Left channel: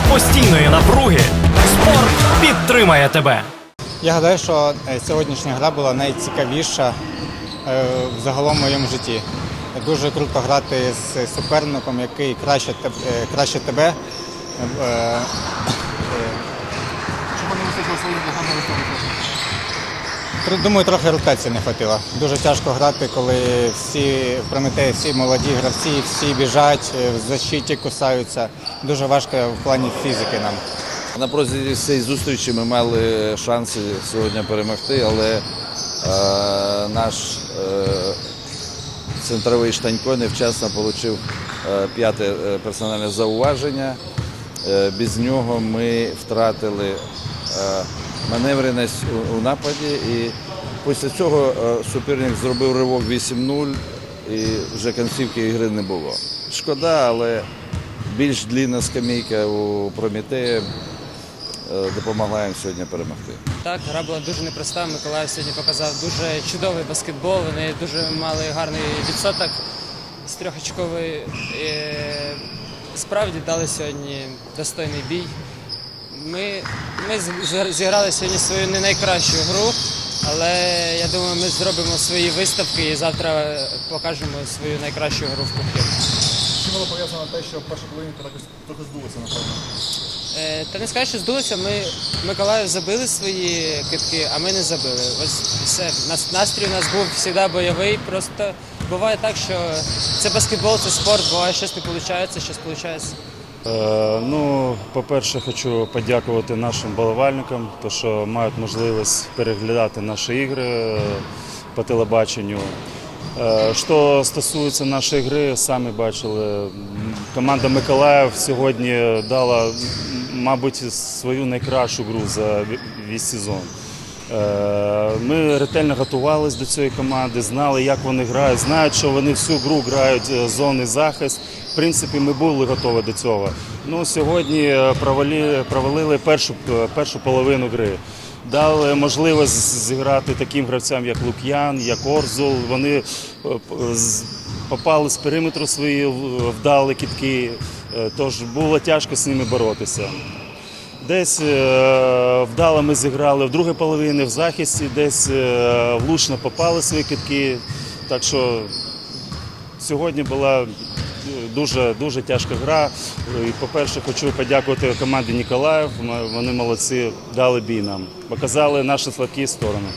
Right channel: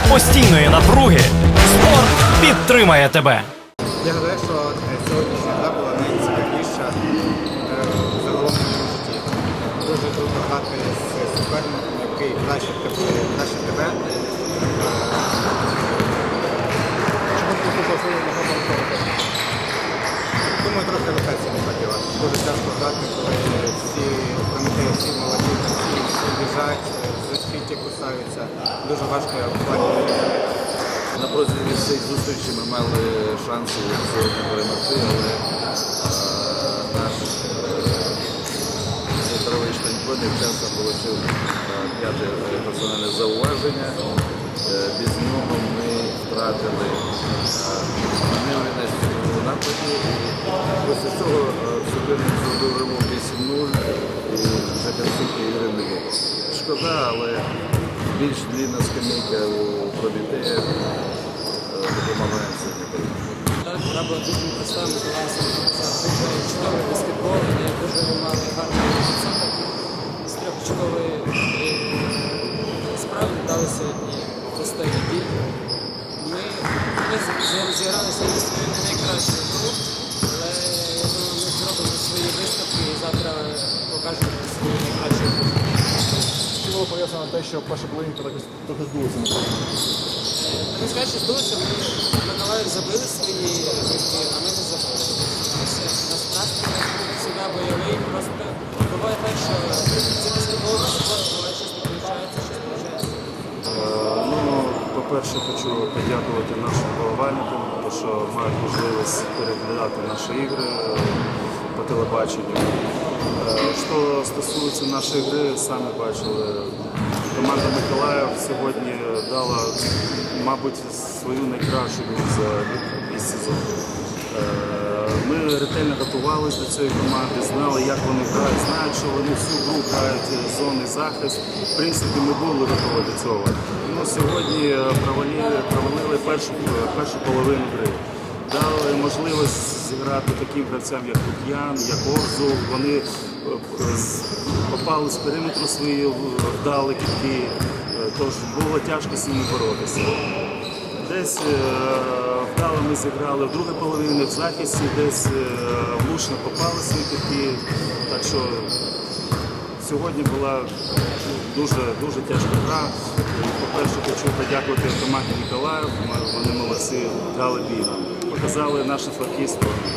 серед постійної напруги спорт підтримає тебе. Я гадаю, що е, сьогоднішня гра була найцікавіша е, загалом в моєму житті. Дуже круто грати з суперником, який краще, е, краще не Е, Тр- Думаю, трохи ротації не хватило. Дуже тяжко грати, коли всі Прометеї, всі молоді гравці, всі біжать, е, в защиті кусаються. Дуже важко в плані фізики нам. На протязі цієї зустрічі ми мали шанси сьогодні перемогти, але е, наш е, центровий Штанько невчасно отримав е, п'яте е, персональне зауваження. Е, без нього ми втратили е, маневреність у нападі і після цього е, суперник зробив ривок 8-0 і вже кінцівки ігри не було. Шкода, але більш длінна скамійка у Прометея е, допомагає сьогодні перемогти. Так, гра була дуже непроста. Миколаїв сьогодні показав дуже чудовий баскетбол. Вони дуже мали гарний відсоток з трьохочкової. Справді дали сьогодні достойний бій. Ми, ми зіграли сьогодні свою не найкращу гру, але я думаю, ми зробимо свої виставки і завтра покажемо свою найкращу гру. Чи було пов'язано те, що перша половина трохи? Е, Та не сказати, що здулося, ми Миколаїв забили свої квітки, а ми не забили. Ось все. Настрій у нас був завжди бойовий. Просто буває так, що це баскетбол, це спорт, буває щось не виходить, щось виходить. Е, Ну, по-перше, хочу подякувати нашим болівальникам, тому що мають можливість переглядати наші ігри е, по телебаченню. Е, Що стосується нашої гри, самі бачили, команда Миколаїв сьогодні дала, мабуть, свою найкращу гру за весь сезон. Е, Ми ретельно готувалися до цієї команди, знали, як вони грають, знають, що вони всю гру грають е, зони захист. В принципі, ми були готові до цього. Ну, сьогодні провалили, провалили першу, е, першу половину гри. Дали можливість зіграти таким гравцям, як Лук'ян, як Орзул. Вони попали з периметру свої, вдали кітки, тож було тяжко з ними боротися. Десь е, вдало ми зіграли в другій половині в захисті, десь е, влучно попали свої китки. Так що сьогодні була дуже, дуже тяжка гра. По-перше, хочу подякувати команді Ніколаїв. Вони молодці, дали бій нам. Показали наші слабкі сторони.